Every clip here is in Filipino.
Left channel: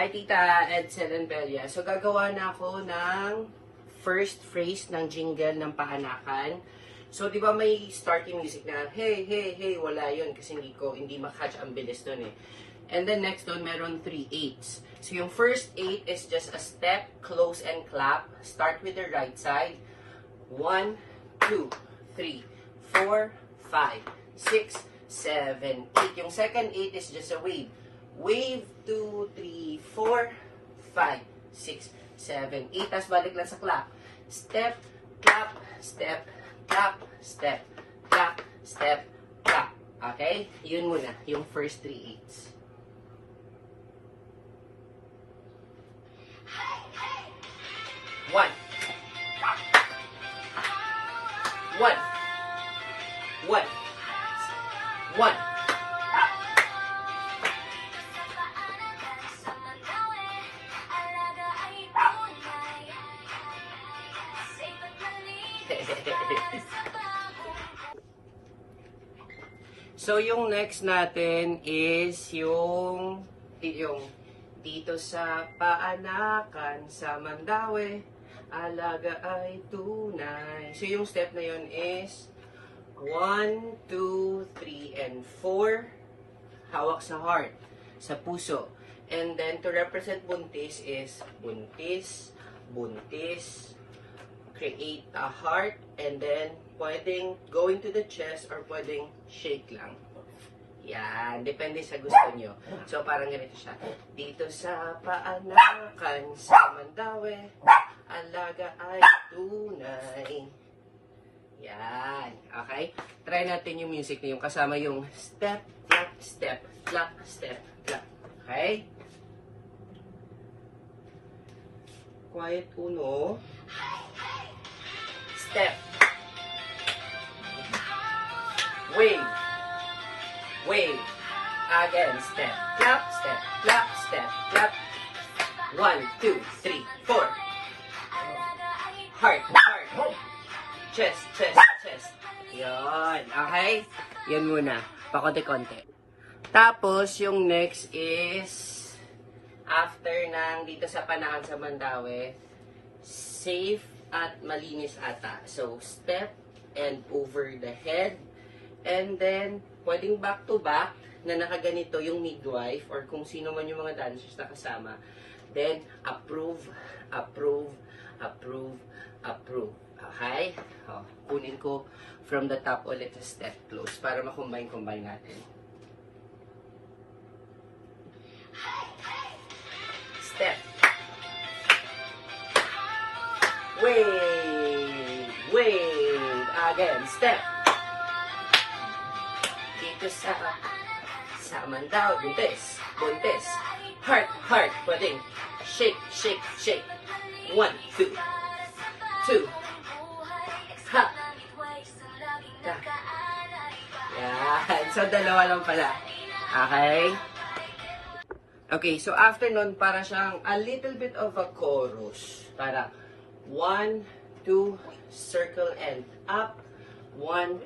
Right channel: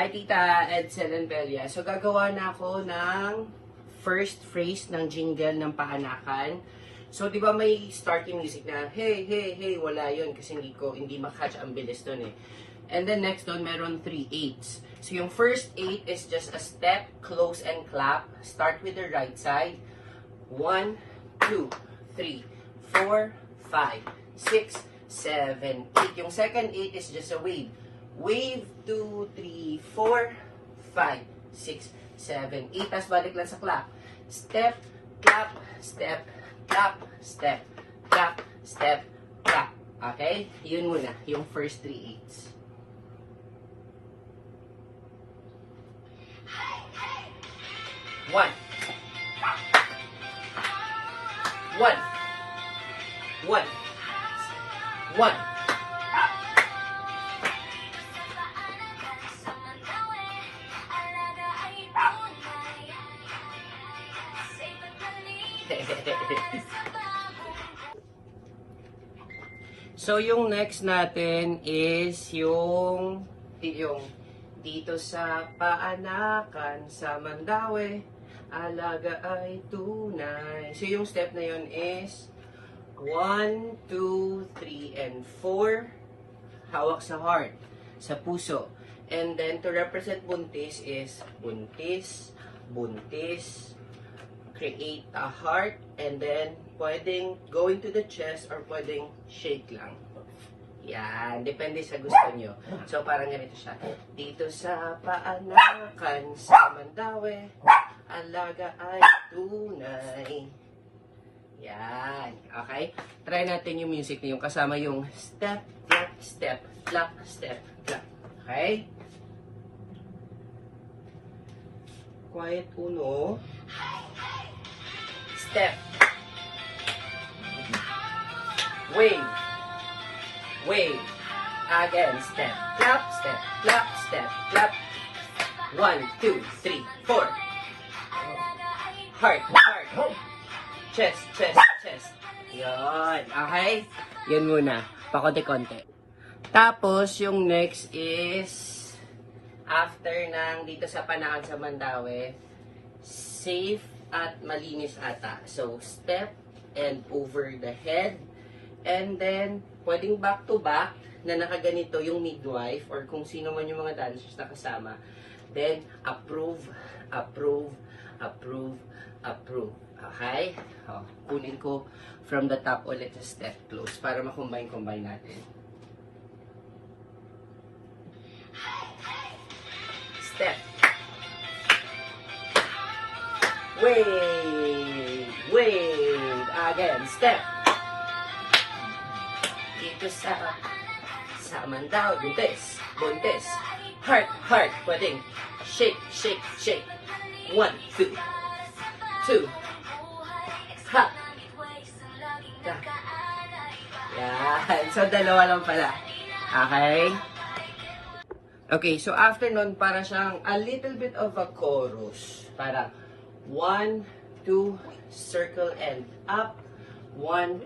Hi, Tita Edsel and Belia. So, gagawa na ako ng first phrase ng jingle ng paanakan. So, di ba may starting music na, hey, hey, hey, wala yun kasi hindi makatch ang bilis nun eh. And then next nun, meron 3/8. So, yung first 8 is just a step, close, and clap. Start with the right side. 1, 2, 3, 4, 5, 6, 7, 8. Yung second 8 is just a wave. Wave, 2, 3, 4, 5, 6, 7, 8. Tapos balik lang sa clap. Step, clap, step, clap, step, clap, step, clap. Okay? Yun muna, yung first 3/8. One. One. One. One. So, yung next natin is yung dito sa paanakan sa Mandaue, alaga ay tunay. So, yung step na yun is 1, 2, 3, and 4. Hawak sa heart, sa puso. And then, to represent buntis is buntis, buntis, create a heart, and then pwedeng going to the chest or pwedeng shake lang. Yan, depende sa gusto nyo. So, parang ganito siya. Dito sa paanakan sa Mandaue, alaga ay tunay. Yan, okay? Try natin yung music na yung kasama yung step, clap, step, clap, step, clap. Okay? Quiet uno. Step. Wave. Wave. Again. Step. Clap. Step. Clap. Step. Clap. 1, 2, 3, 4. Heart. Heart. Chest. Chest. Chest. Yun. Okay? Yan muna. Pakonti-konti. Tapos, yung next is after ng dito sa Panakan sa Mandaue, safe at malinis ata. So, step and over the head. And then, pwedeng back to back na nakaganito yung midwife or kung sino man yung mga dancers na kasama. Then, approve, approve, approve, approve. Okay? O, kunin ko from the top ulit sa step close para makombine-combine natin. Step. Wave, wave, again, step. Dito sa Mandaue, buntis, buntis, heart, heart, pwedeng shake, shake, shake. 1, 2, 2, ha, yan, so dalawa lang pala, okay? Okay, so after nun, para siyang a little bit of a chorus, para 1, 2, circle and up. 1,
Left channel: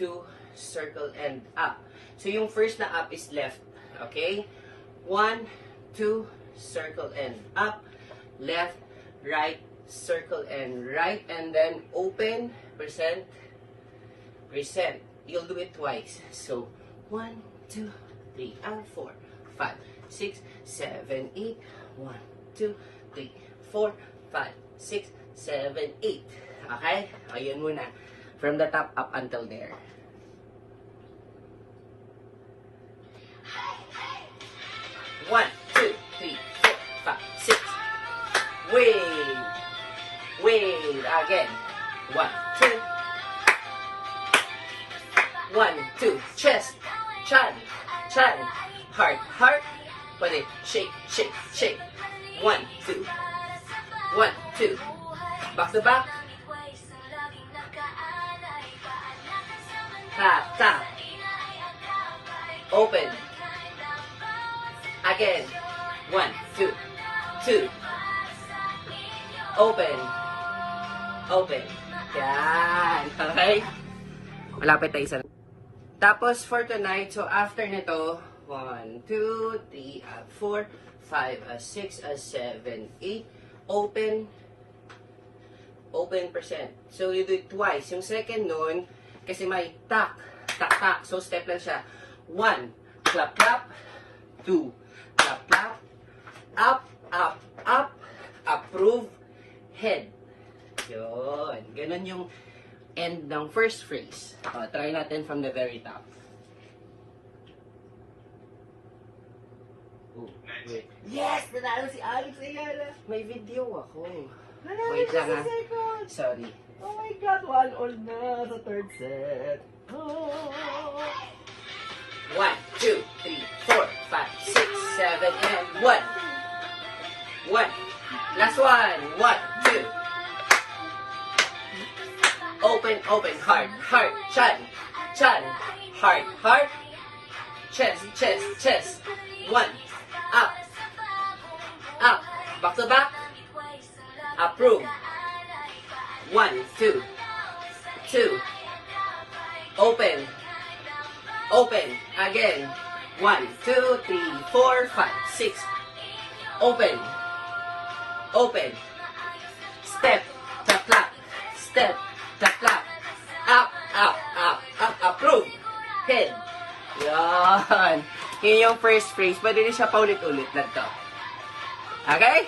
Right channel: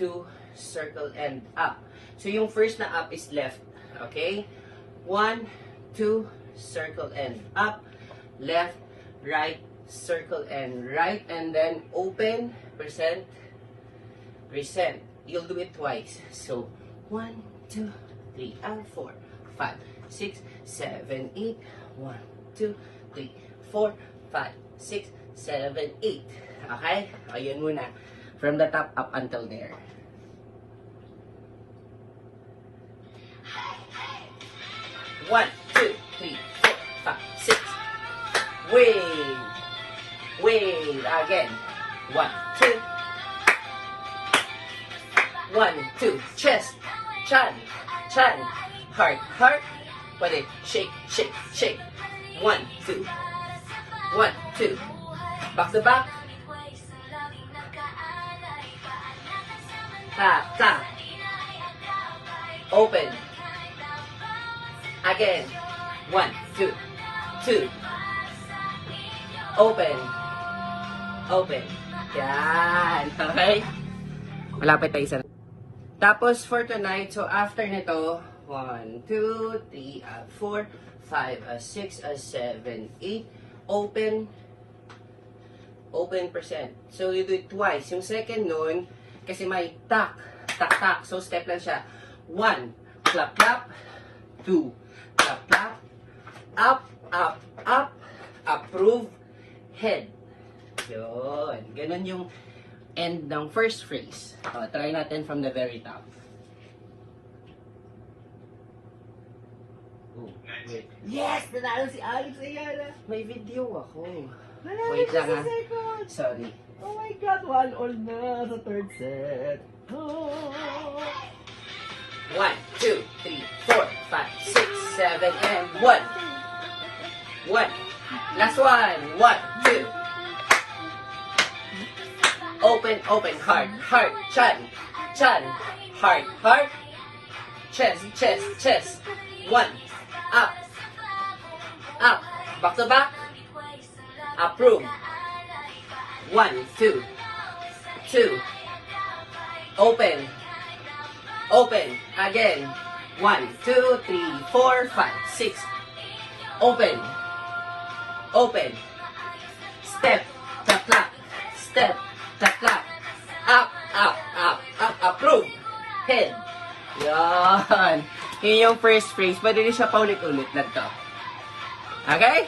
2, circle and up. So, yung first na up is left. Okay? 1, 2, circle and up. Left, right, circle and right. And then, open, present, present. You'll do it twice. So, 1, 2, 3, and 4, 5, 6, 7, 8. 1, 2, 3, 4, 5, 6, 7, 8. Okay? Ayun muna. From the top up until there. One, 2, 3, 4, 5, 6. Wave. Wave. Again. 1, 2. 1, 2. Chest. Chan. Chan. Heart. Heart. Pwede. Shake. Shake. Shake. 1, 2. 1, 2. Back to back. Tap, tap. Open. Again. 1, 2, 2. Open. Open. Yan. Okay? Malapit tayo sa... Tapos for tonight, so after nito, 1, 2, 3, 4, 5, 6, 7, 8. Open percent. So, you do it twice. Yung second nun, kasi may tak. So, step lang siya. 1, clap, clap. 2, clap, clap. Up, approve, head. Yun. Ganun yung end ng first phrase. Try natin from the very top. Yes! Nanalo si Alex Ayala! May video ako. Wait lang ha. Sorry. Oh my God! 1-all na sa third set. 1, 2, 3, 4, 5, 6, 7, and 1. 1. Last one. 1, 2. Open, heart, chan, heart, chest. 1. Up, back to back. Approve. 1, 2. Open. Again. 1, 2, 3, 4, 5, 6. Open. Step, clap. Step, clap. Up. Approve. Head. Yan. Yun yung first phrase. Pwede rin siya paulit-ulit lang to. Okay?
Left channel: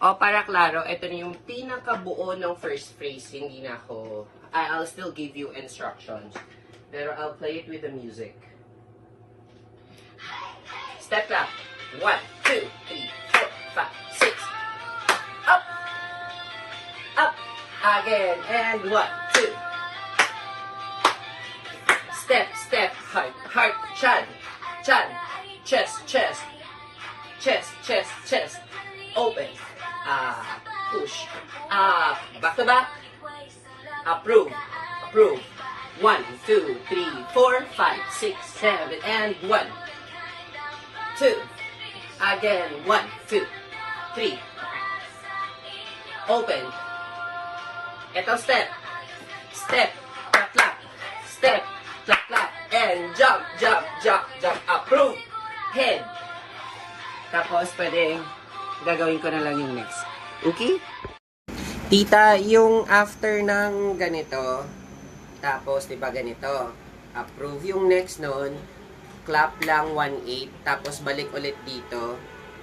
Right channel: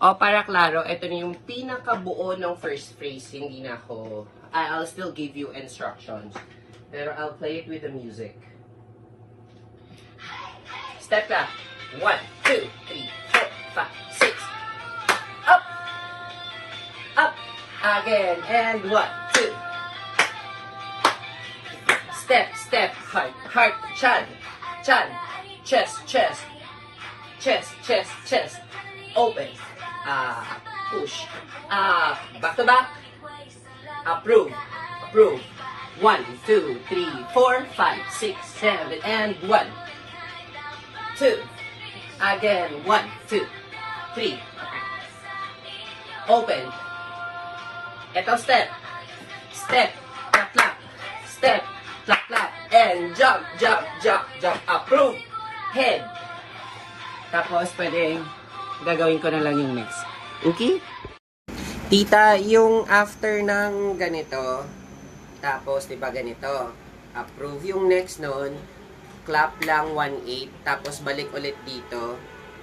O, para klaro, ito na yung pinakabuo ng first phrase. Hindi na ako... I'll still give you instructions. Pero I'll play it with the music. Step clap. 1, 2, 3, 4, 5, 6. Up. Again. And 1, 2. Step, heart, chan, chest, open, push, back to back, approve, 1, 2, 3, 4, 5, 6, 7, and 1, 2, again, 1, 2, 3, open, eto step, clap, step, clap, and jump, approve, head. Tapos, pwedeng gagawin ko na lang yung next. Okay? Tita, yung after ng ganito, tapos, di ba ganito, approve. Yung next nun, clap lang 1-8, tapos balik ulit dito,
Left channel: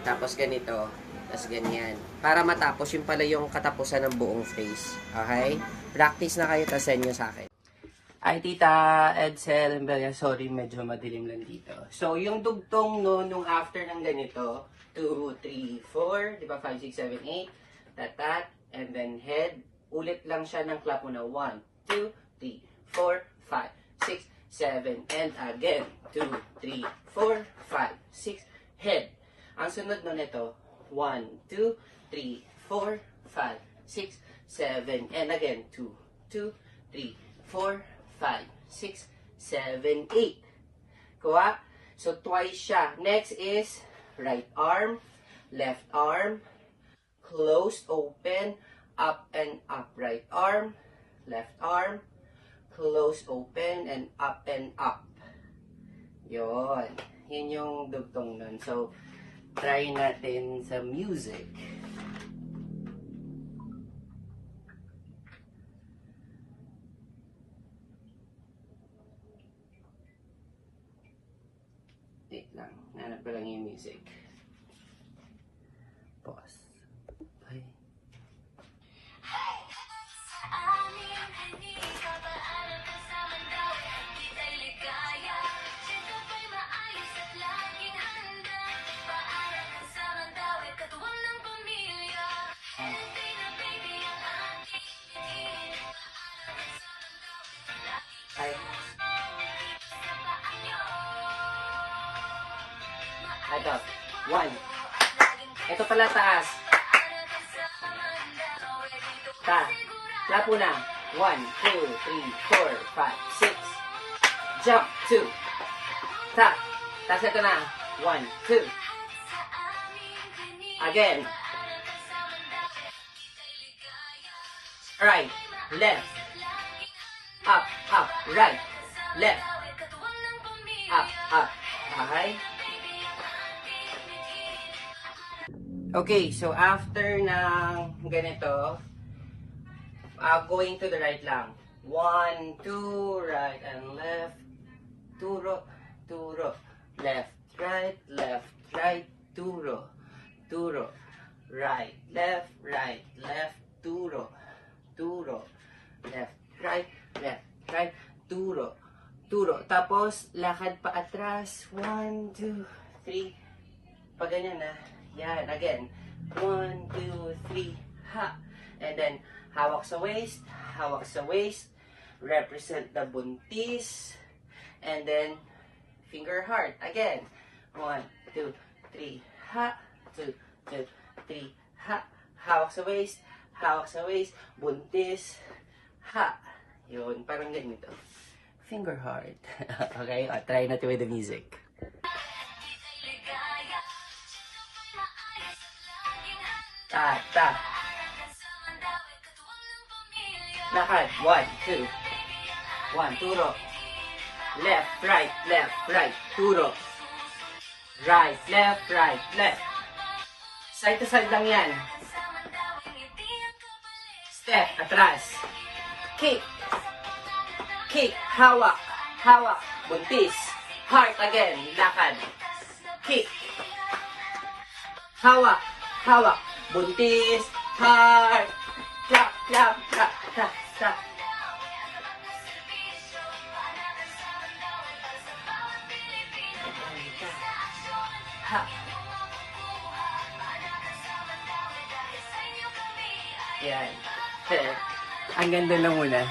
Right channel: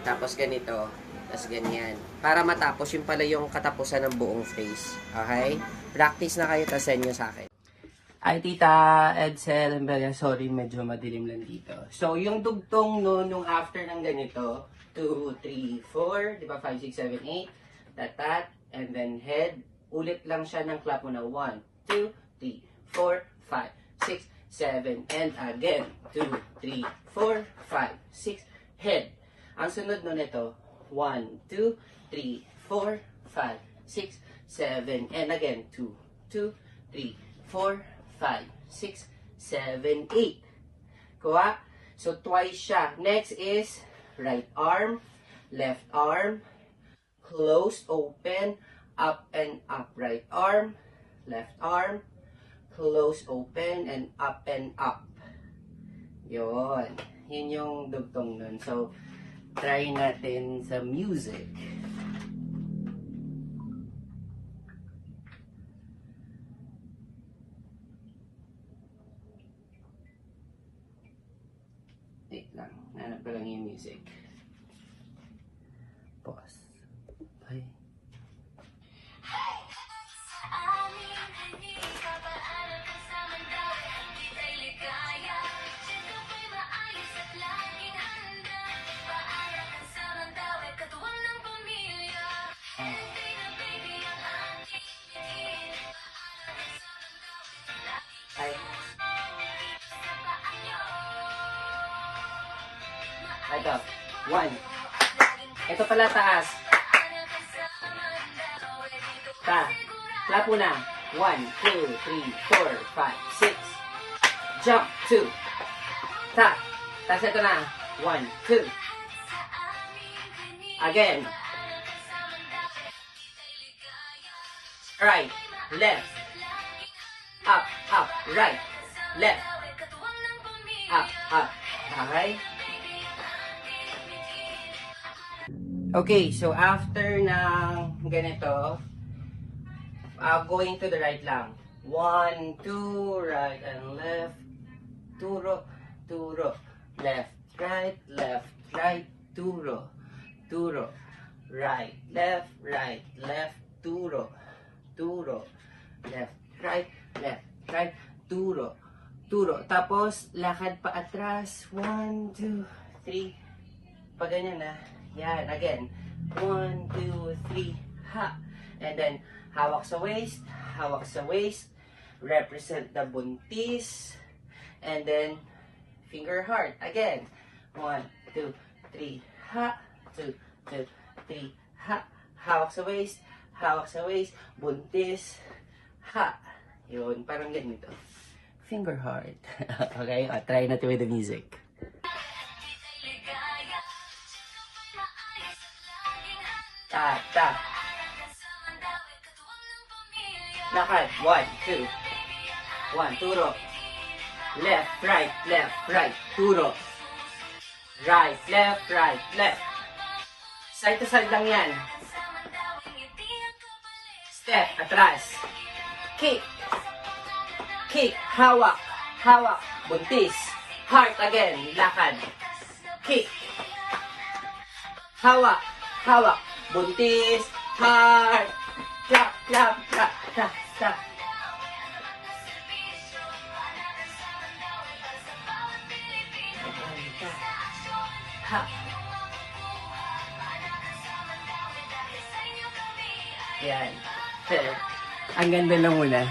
tapos ganito, tapos ganyan. Para matapos, yung pala yung katapusan ng buong phrase. Okay? Practice na kayo, tapos send nyo sa akin. Ay, Tita Edsel, sorry, medyo madilim lang dito. So, yung dugtong nung after ng ganito, 2, 3, 4, di ba, 5, 6, 7, 8, tatat, and then head, ulit lang siya ng clap mo na 1, 2, 3, 4, 5, 6, 7, and again, 2, 3, 4, 5, 6, head. Ang sunod nun ito, 1, 2, 3, 4, 5, 6, 7, and again, 2, 2, 3, 4, 5, 6, 7, 8. Kuha? So, twice siya. Next is right arm, left arm, closed, open, up and up. Right arm, left arm, closed, open, and up. Yun. Yun yung dugtong nun. So, try natin sa music. Wait lang. Nanap ko lang yung music. Pause. Bye. Ay. Ito. 1. Ito pala taas. Clap na. 1, 2, 3, 4, 5, 6. Jump. 2. Tap. Tapos ito na. 1, 2. Again. Right. Left. Up. Right. Left. Up. Okay. Okay, so after na ganito, going to the right lang. 1, 2, right and left. Turo, turo. Left, right, turo. Turo. Right, left, turo. Turo. Left, right, turo. Turo. Tapos, lakad pa atras. 1, 2, 3. Pag ganyan na. Yan, again. 1, 2, 3. Ha. And then, hawak sa waist. Represent the buntis. And then, finger heart. Again. 1, 2, 3. Ha. 2, 2, 3. Ha. Hawak sa waist. Buntis. Ha. Yun, parang ganito. Finger heart. Okay, try natin with the music. Ta, ta. Lakad. 1, 2. 1, turo. Left, right, turo. Right, left. Side to side lang yan. Step, atras. Kick. Hawak. Buntis. Heart again, lakad. Kick. Hawak. Buntis. Heart. Clap. Ha. Yan. Ang ganda lang muna.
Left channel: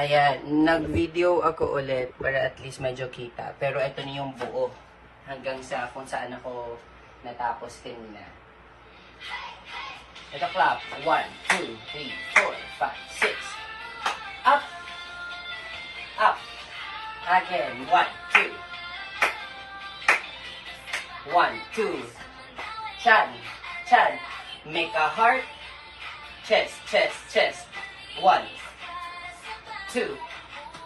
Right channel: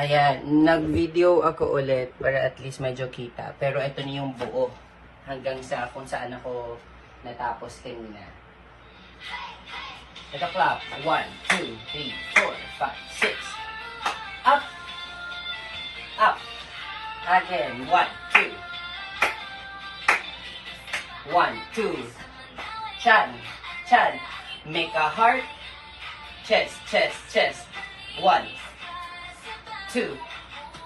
Ayan, nag-video ako ulit para at least medyo kita. Pero ito na yung buo. Hanggang sa kung saan ako natapos kanina. Ito clap. 1, 2, 3, 4, 5, 6. Up. Again. 1, 2. 1, 2. Chan. Make a heart. Chest. 1, 2.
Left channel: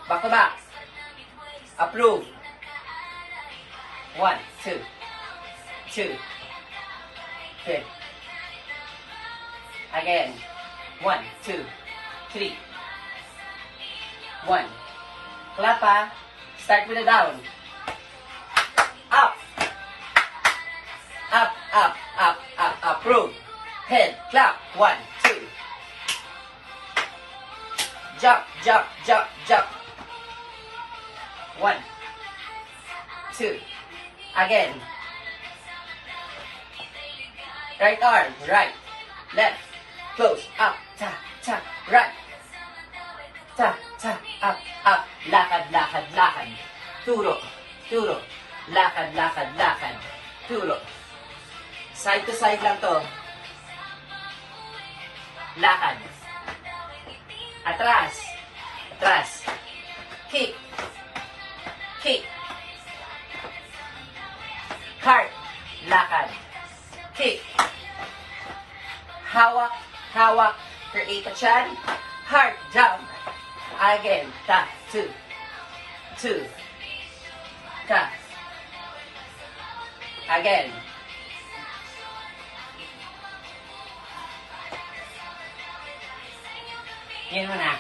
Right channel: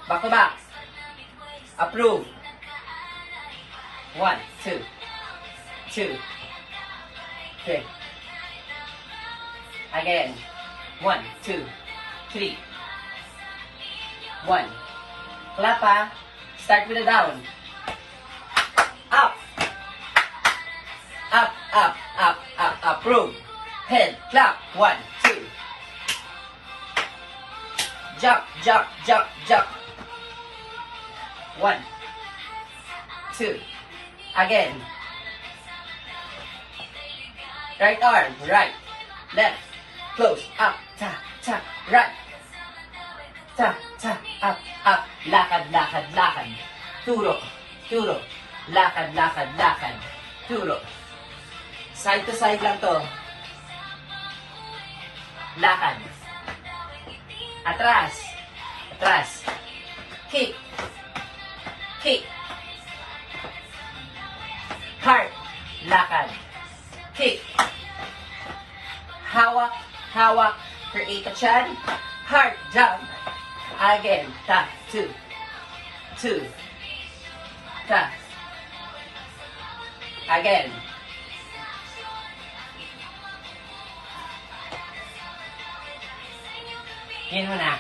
Back to back. Approve. 1, 2. 3. Again. 1, 2, 3. 1. Clap ha. Start with a down. Up. Approve. Head. Clap. 1, 2. Jump. 1, 2. Again. Right arm. Right. Left. Close. Up. Ta. Right. Ta. Up. Lakad. Turo. Lakad. Turo. Side to side lang to. Lakad. Atras. Kick. Heart. Lakad. Kick. Hawak. Create a chan. Heart. Jump. Again. Ta. 2. Ta. Again. Yun na.